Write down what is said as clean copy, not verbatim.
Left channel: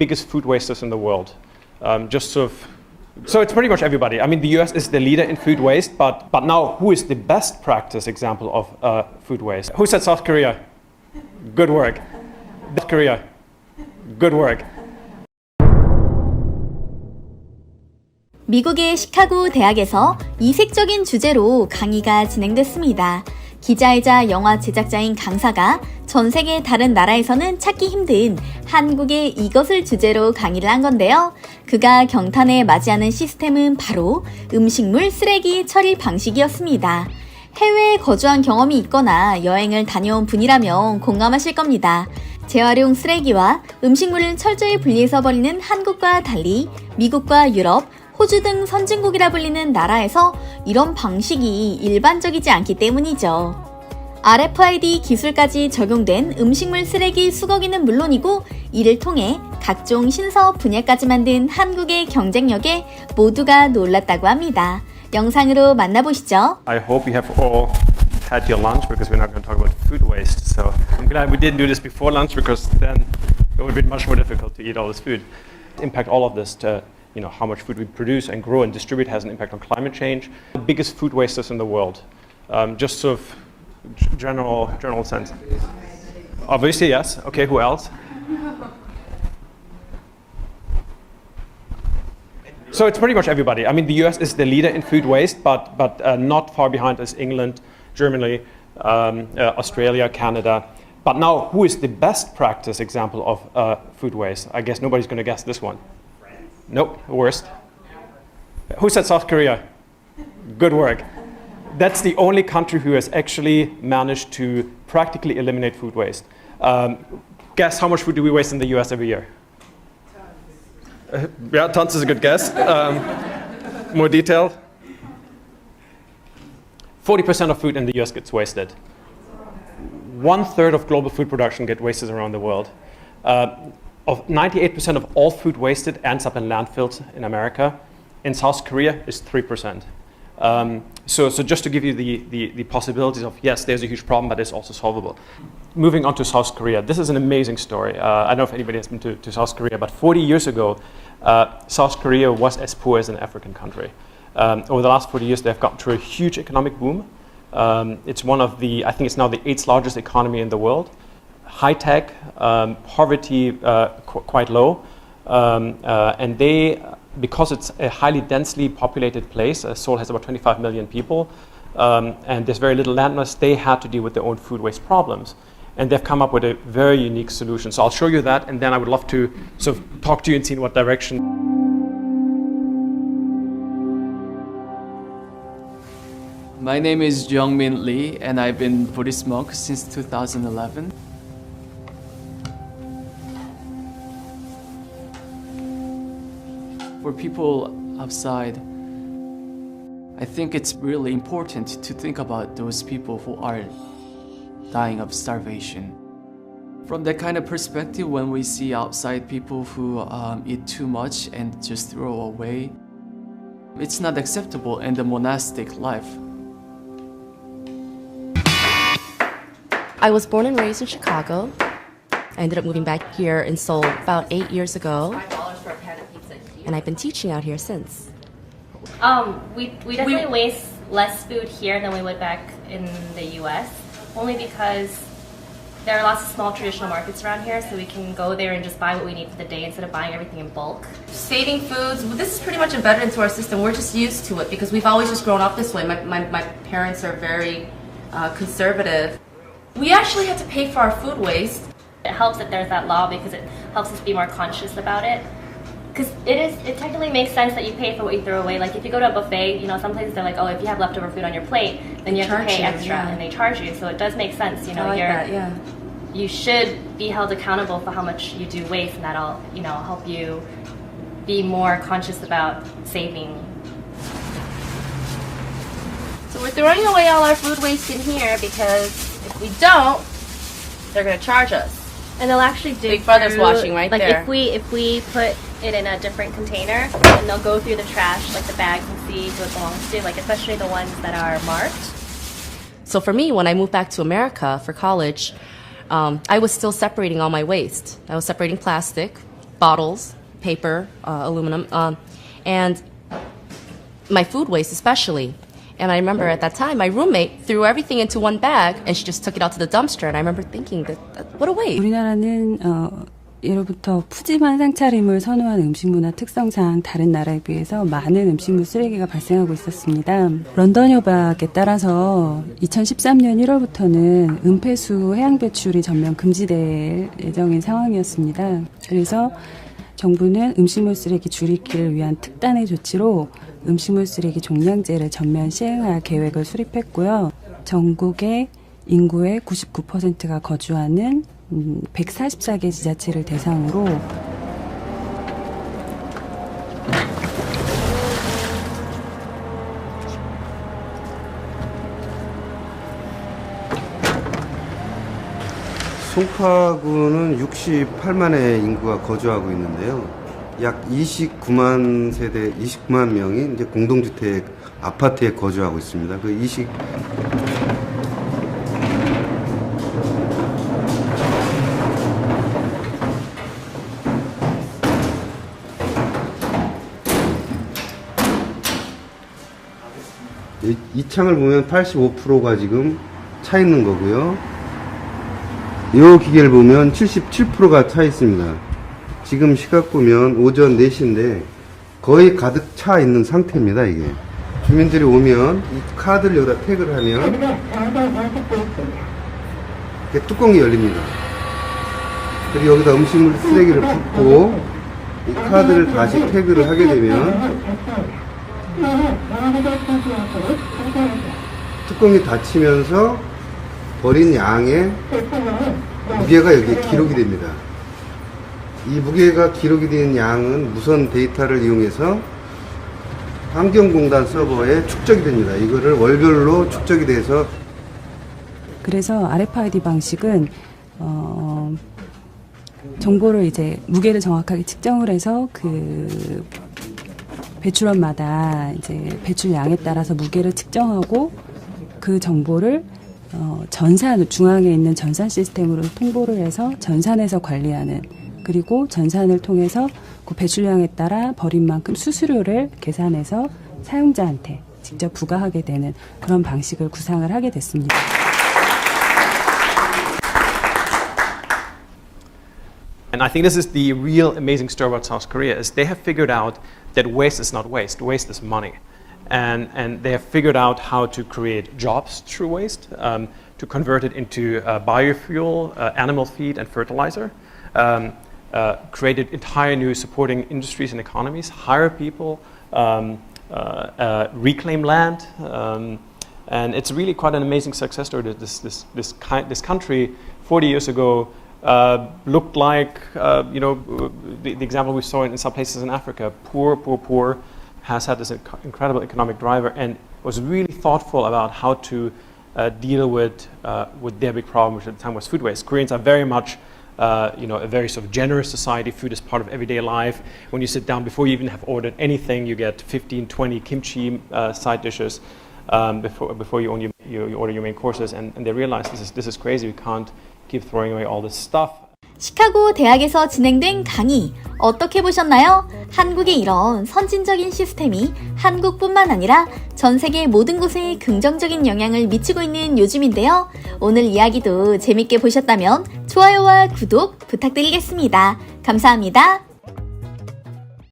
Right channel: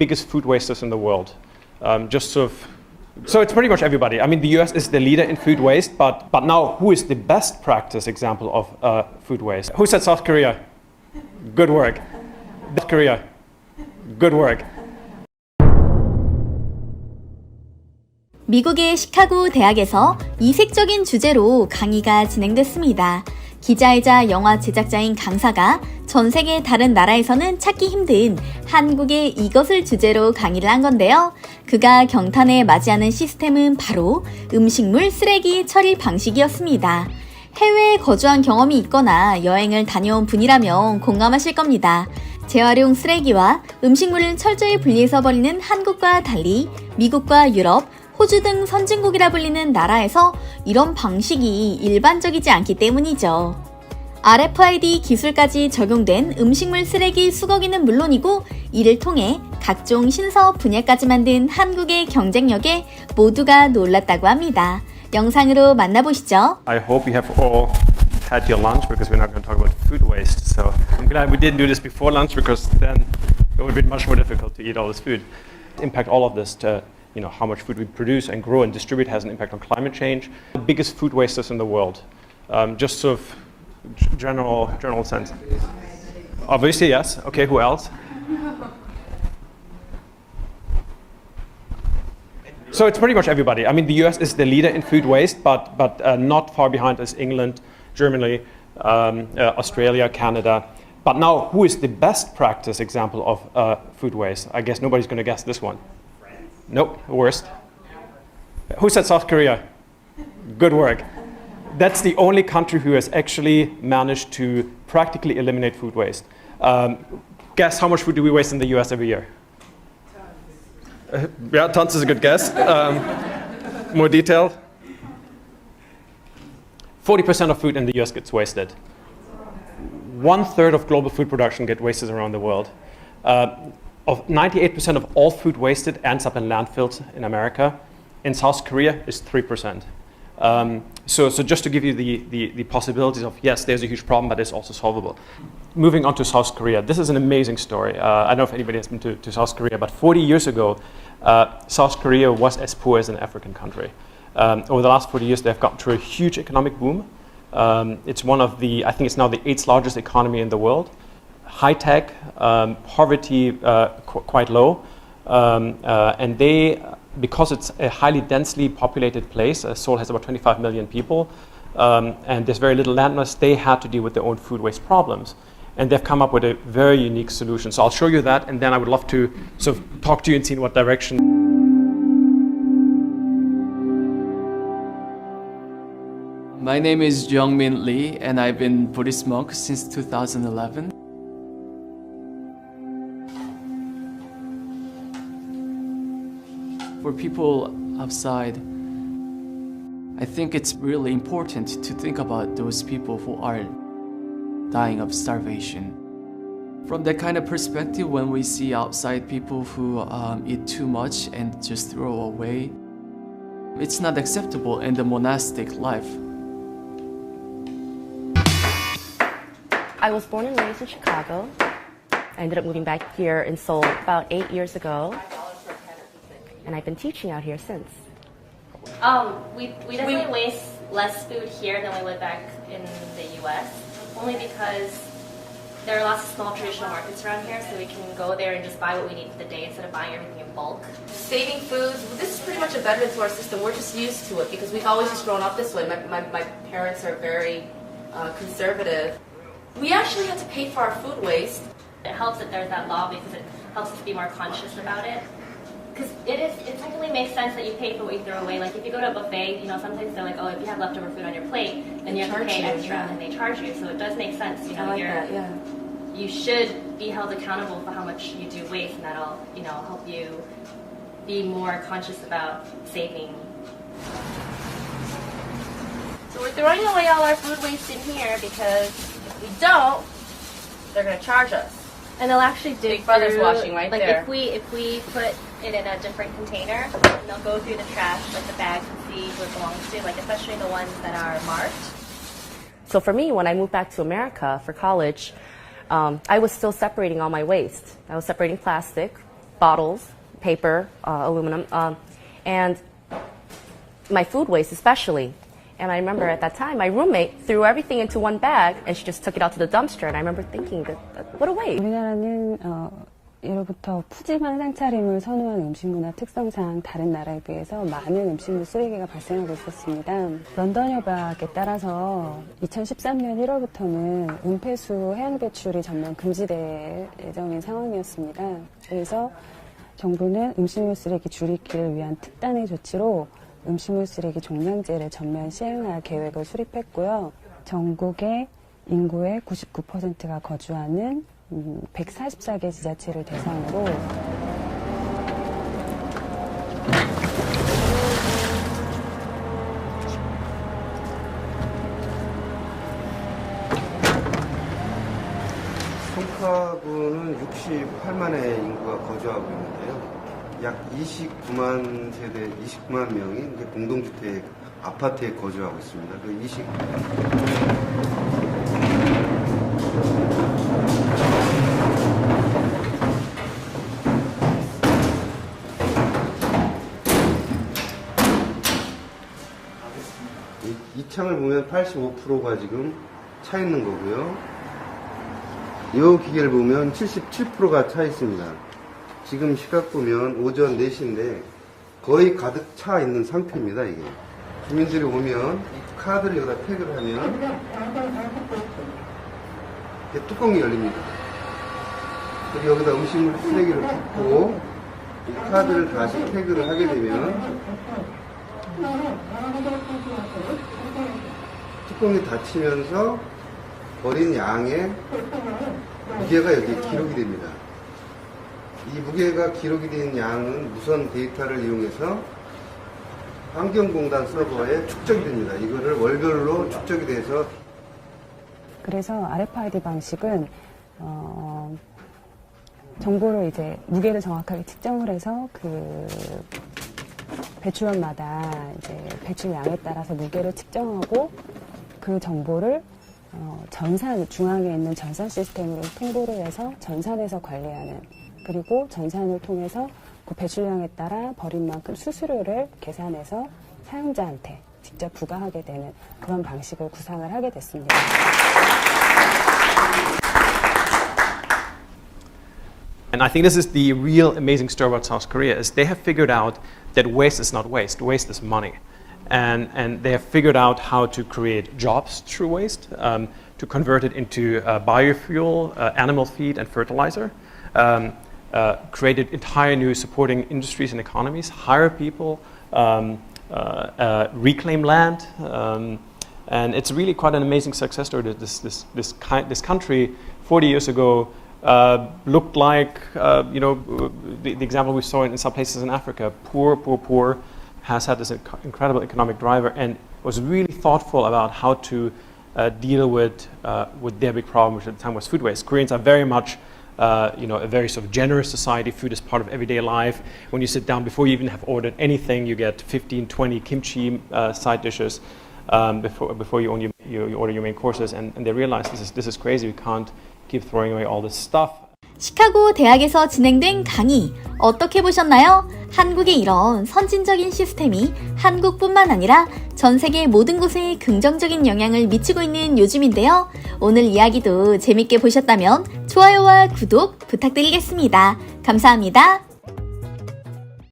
biggest food wasters in the world? So it's pretty much everybody. I mean, the US is the leader in food waste, but now who is the best practice example of food waste? Who said South Korea? Good work. South Korea. Good work. 미국의 시카고 대학에서 이색적인 주제로 강의가 진행됐습니다. 기자이자 영화 제작자인 강사가 전 세계 다른 나라에서는 찾기 힘든 한국의 이것을 주제로 강의를 한 건데요. 그가 경탄에 맞이하는 시스템은 바로 음식물 쓰레기 처리 방식이었습니다. 해외에 거주한 경험이 있거나 여행을 다녀온 분이라면 공감하실 겁니다. 재활용 쓰레기와 음식물을 철저히 분리해서 버리는 한국과 달리 미국과 유럽, 호주 등 선진국이라 불리는 나라에서 이런 방식이 일반적이지 않기 때문이죠. RFID 기술까지 적용된 음식물 쓰레기 수거기는 물론이고 이를 통해 각종 신사업 분야까지 만든 한국의 경쟁력에 모두가 놀랐다고 합니다. 영상으로 만나보시죠. I hope you have all had your lunch because we're not going to talk about food waste. So I'm glad we didn't do this before lunch because then it would be much more difficult to eat all this food. Impact all of this to how much food we produce and grow and distribute has an impact on climate change. The biggest food wasters in the world. Just sort of general sense. Obviously, yes. Okay, who else? So it's pretty much everybody. I mean, the US is the leader in food waste, but not far behind is England, Germany, Australia, Canada. But now, who is the best practice example of food waste? I guess nobody's going to guess this one. Nope, worst. Who said South Korea? Good work. That's the only country who has actually managed to practically eliminate food waste. Guess how much food do we waste in the US every year? Yeah, tons is a good guess. More detailed. 40% of food in the US gets wasted. 1/3 of global food production gets wasted around the world. Of 98% of all food wasted ends up in landfills in America. In South Korea, it's 3%. So just to give you the possibilities of, yes, there's a huge problem, but it's also solvable. Moving on to South Korea, this is an amazing story. I don't know if anybody has been to South Korea, but 40 years ago, South Korea was as poor as an African country. Over the last 40 years, they've gotten through a huge economic boom. It's one of I think it's now the 8th largest economy in the world. High tech, poverty quite low, and because it's a highly densely populated place, Seoul has about 25 million people, and there's very little land mass, they had to deal with their own food waste problems. And they've come up with a very unique solution. So I'll show you that, and then I would love to sort of talk to you and see in what direction. My name is Jungmin Lee, and I've been Buddhist monk since 2011. For people outside, I think it's really important to think about those people who are dying of starvation. From that kind of perspective, when we see outside people who eat too much and just throw away, it's not acceptable in the monastic life. I was born and raised in Chicago. I ended up moving back here in Seoul about 8 years ago. And I've been teaching out here since. We definitely waste less food here than we would back in the US, only because there are lots of small traditional markets around here, so we can go there and just buy what we need for the day instead of buying everything in bulk. Saving foods, this is pretty much embedded into our system. We're just used to it because we've always just grown up this way. My parents are very conservative. We actually have to pay for our food waste. It helps that there's that law because it helps us be more conscious about it. Because it technically makes sense that you pay for what you throw away. Like if you go to a buffet, some places they're like, oh, if you have leftover food on your plate, then you have to pay extra, and they charge you. So it does make sense. You should be held accountable for how much you do waste, and that'll help you be more conscious about saving. So we're throwing away all our food waste in here because if we don't, they're going to charge us. And they'll actually dig Big Brother's through, watching right like there. If we put it in a different container, and they'll go through the trash, like the bags, and see who it belongs to, like especially the ones that are marked. So for me, when I moved back to America for college, I was still separating all my waste. I was separating plastic, bottles, paper, aluminum, and my food waste especially. And I remember at that time, my roommate threw everything into one bag, and she just took it out to the dumpster. And I remember thinking that what a waste. 우리나라는 이로부터 푸짐한 상차림을 선호하는 음식 문화 특성상 다른 나라에 비해서 많은 음식물 쓰레기가 발생하고 있었습니다. 런던 협약에 따라서 2013년 1월부터는 은폐수 해양 배출이 전면 금지될 예정인 상황이었습니다. 그래서 정부는 음식물 쓰레기 줄이기를 위한 특단의 조치로 음식물 쓰레기 종량제를 전면 시행할 계획을 수립했고요. 전국의 인구의 99%가 거주하는 144개 지자체를 대상으로 송파구는 68만의 인구가 거주하고 있는데요. 약 29만 세대, 29만 명이 이제 공동주택 아파트에 거주하고 있습니다. 그 2 창을 보면 85%가 지금 차 있는 거고요. 이 기계를 보면 77%가 차 있습니다. 지금 시각 보면 오전 4시인데 거의 가득 차 있는 상태입니다. 이게 주민들이 오면 이 카드를 여기다 태그를 하면 이렇게 뚜껑이 열립니다. 그리고 여기다 음식물 쓰레기를 붓고 이 카드를 다시 태그를 하게 되면 뚜껑이 닫히면서 버린 양의 무게가 여기에 기록이 됩니다. 이 무게가 기록이 된 양은 무선 데이터를 이용해서 환경공단 서버에 축적이 됩니다. 이거를 월별로 축적이 돼서 그래서 RFID 방식은 정보를 이제 무게를 정확하게 측정을 해서 그 배출원마다 이제 배출량에 따라서 무게를 측정하고 그 정보를 전산 중앙에 있는 전산 시스템으로 통보를 해서 전산에서 관리하는 그리고 전산을 통해서 그 배출량에 따라 버린 만큼 수수료를 계산해서 사용자한테 직접 부과하게 되는 그런 방식을 구상을 하게 됐습니다. And I think this is the real amazing story about South Korea is they have figured out that waste is not waste. Waste is money. And they have figured out how to create jobs through waste, to convert it into biofuel, animal feed, and fertilizer. Created entire new supporting industries and economies, hire people, reclaim land, and it's really quite an amazing success story. That this country 40 years ago looked like the example we saw in some places in Africa. Poor has had this incredible economic driver and was really thoughtful about how to deal with their big problem, which at the time was food waste. Koreans are very much a very sort of generous society. Food is part of everyday life. When you sit down, before you even have ordered anything, you get 15, 20 kimchi side dishes before you order your main courses. And they realize this is crazy. We can't keep throwing away all this stuff. 시카고 대학에서 진행된 강의 어떻게 보셨나요? 한국의 이런 선진적인 시스템이 한국뿐만 아니라 전 세계 모든 곳에 긍정적인 영향을 미치고 있는 요즘인데요. 오늘 이야기도 재밌게 보셨다면 좋아요와 구독 부탁드리겠습니다. 감사합니다.